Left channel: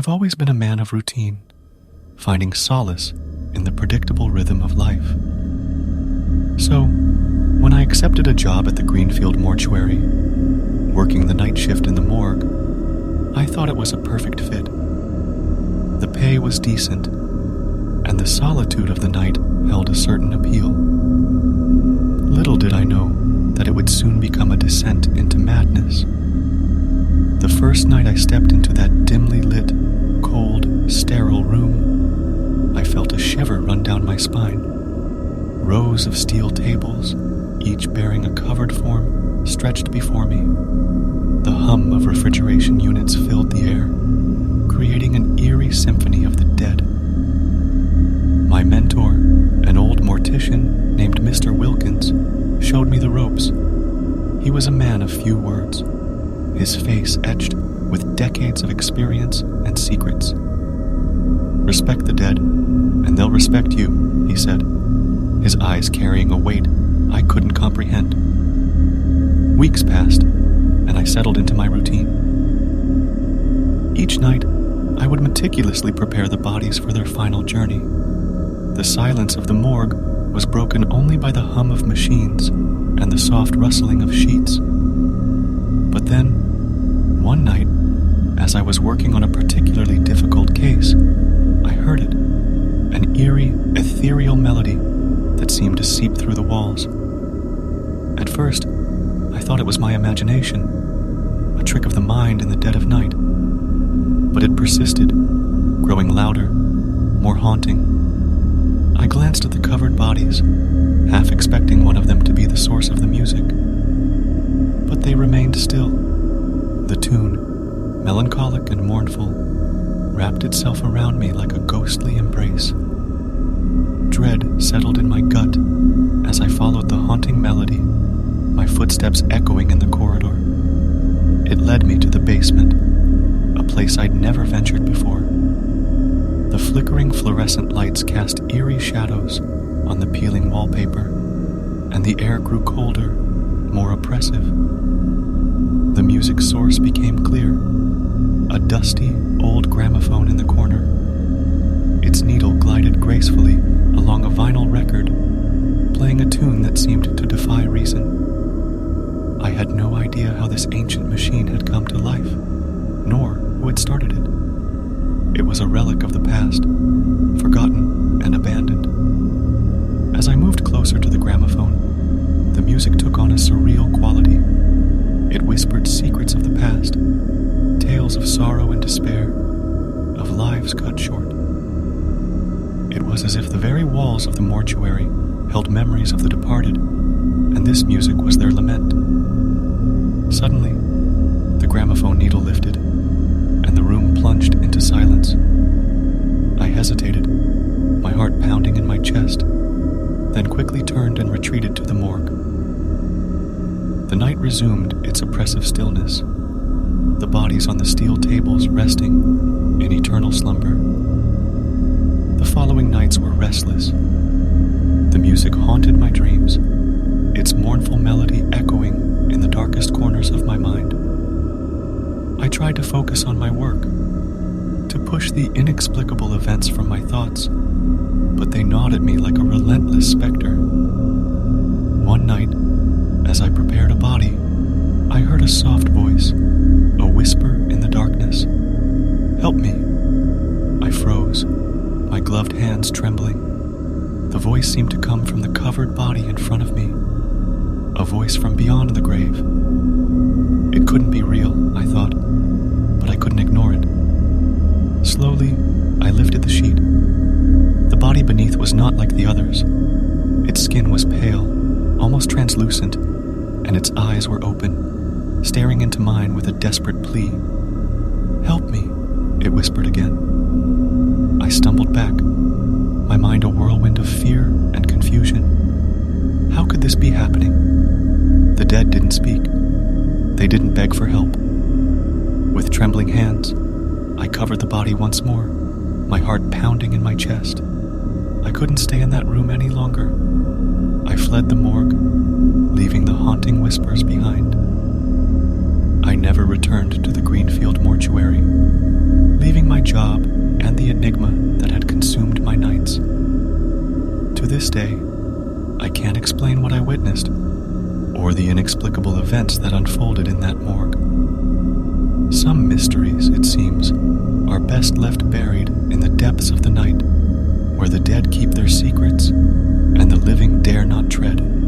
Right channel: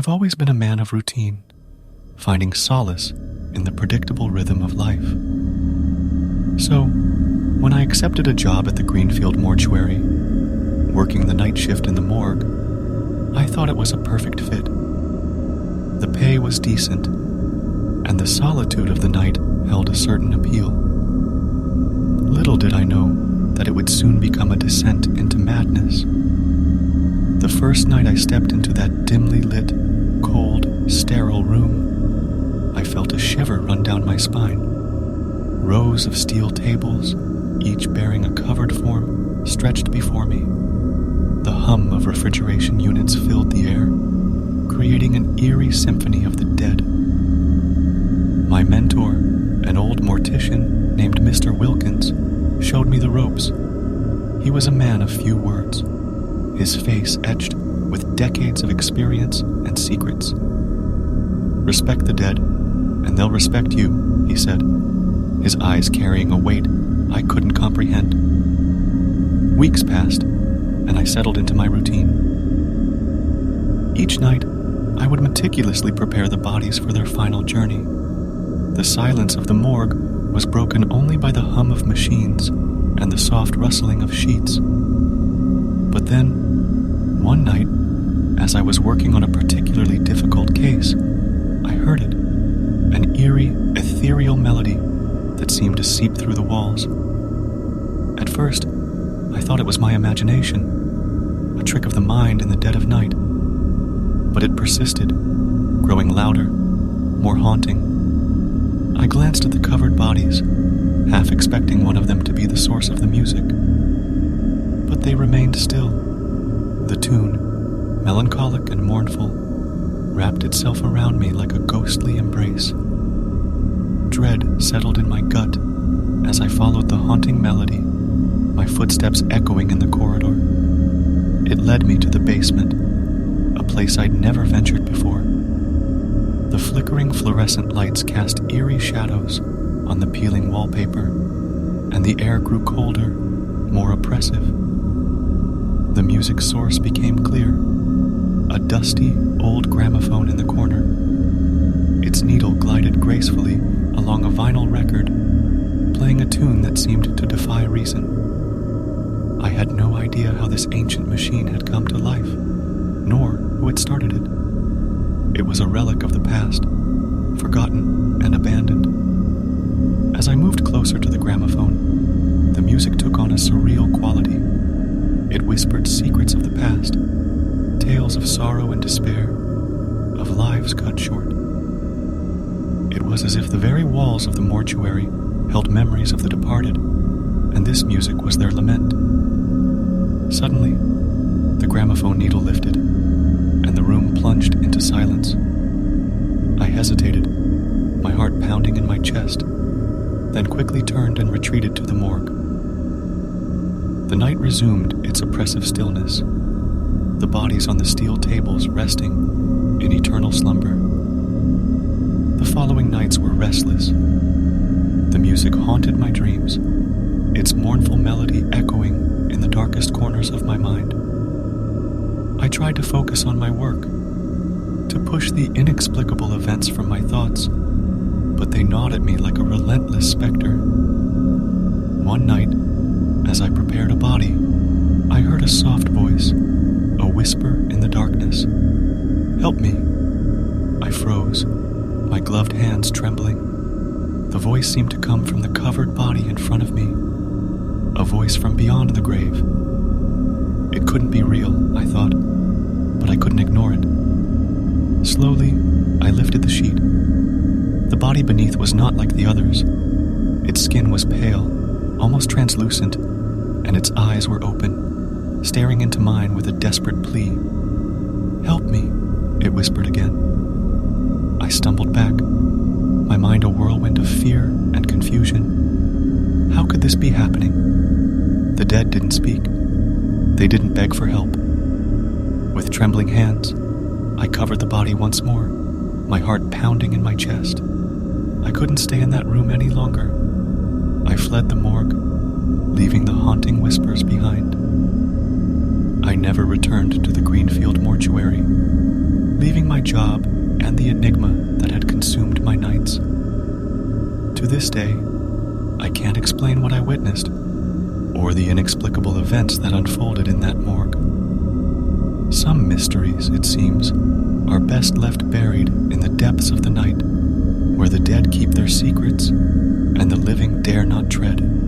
I've always been a man of routine, finding solace in the predictable rhythm of life. So, when I accepted a job at the Greenfield Mortuary, working the night shift in the morgue, I thought it was a perfect fit. The pay was decent, and the solitude of the night held a certain appeal. Little did I know that it would soon become a descent into madness. The first night I stepped into that dimly lit, cold, sterile room, I felt a shiver run down my spine. Rows of steel tables, each bearing a covered form, stretched before me. The hum of refrigeration units filled the air, creating an eerie symphony of the dead. My mentor, an old mortician named Mr. Wilkins, showed me the ropes. He was a man of few words, his face etched with decades of experience and secrets. "Respect the dead, and they'll respect you," he said, his eyes carrying a weight I couldn't comprehend. Weeks passed, and I settled into my routine. Each night, I would meticulously prepare the bodies for their final journey. The silence of the morgue was broken only by the hum of machines and the soft rustling of sheets. But then, one night, as I was working on a particularly difficult case, I heard it, an eerie, ethereal melody that seemed to seep through the walls. At first, I thought it was my imagination, a trick of the mind in the dead of night. But it persisted, growing louder, more haunting. I glanced at the covered bodies, half expecting one of them to be the source of the music. But they remained still. The tune, melancholic and mournful, wrapped itself around me like a ghostly embrace. Dread settled in my gut as I followed the haunting melody, my footsteps echoing in the corridor. It led me to the basement, a place I'd never ventured before. The flickering fluorescent lights cast eerie shadows on the peeling wallpaper, and the air grew colder, more oppressive. The music source became clear, a dusty, old gramophone in the corner. Its needle glided gracefully along a vinyl record, playing a tune that seemed to defy reason. I had no idea how this ancient machine had come to life, nor who had started it. It was a relic of the past, forgotten and abandoned. As I moved closer to the gramophone, the music took on a surreal quality. It whispered secrets of the past, tales of sorrow and despair, of lives cut short. It was as if the very walls of the mortuary held memories of the departed, and this music was their lament. Suddenly, the gramophone needle lifted, and the room plunged into silence. I hesitated, my heart pounding in my chest, then quickly turned and retreated to the morgue. The night resumed its oppressive stillness, the bodies on the steel tables resting in eternal slumber. The following nights were restless. The music haunted my dreams, its mournful melody echoing in the darkest corners of my mind. I tried to focus on my work, to push the inexplicable events from my thoughts, but they gnawed at me like a relentless specter. One night, as I prepared a body, I heard a soft voice, a whisper in the darkness. "Help me." I froze, my gloved hands trembling. The voice seemed to come from the covered body in front of me, a voice from beyond the grave. It couldn't be real, I thought, but I couldn't ignore it. Slowly, I lifted the sheet. The body beneath was not like the others. Its skin was pale, almost translucent, and its eyes were open, staring into mine with a desperate plea. "Help me," it whispered again. I stumbled back, my mind a whirlwind of fear and confusion. How could this be happening? The dead didn't speak. They didn't beg for help. With trembling hands, I covered the body once more, my heart pounding in my chest. I couldn't stay in that room any longer. I fled the morgue, leaving the haunting whispers behind. I never returned to the Greenfield Mortuary, leaving my job and the enigma that had consumed my nights. To this day, I can't explain what I witnessed, or the inexplicable events that unfolded in that morgue. Some mysteries, it seems, are best left buried in the depths of the night, where the dead keep their secrets and the living dare not tread.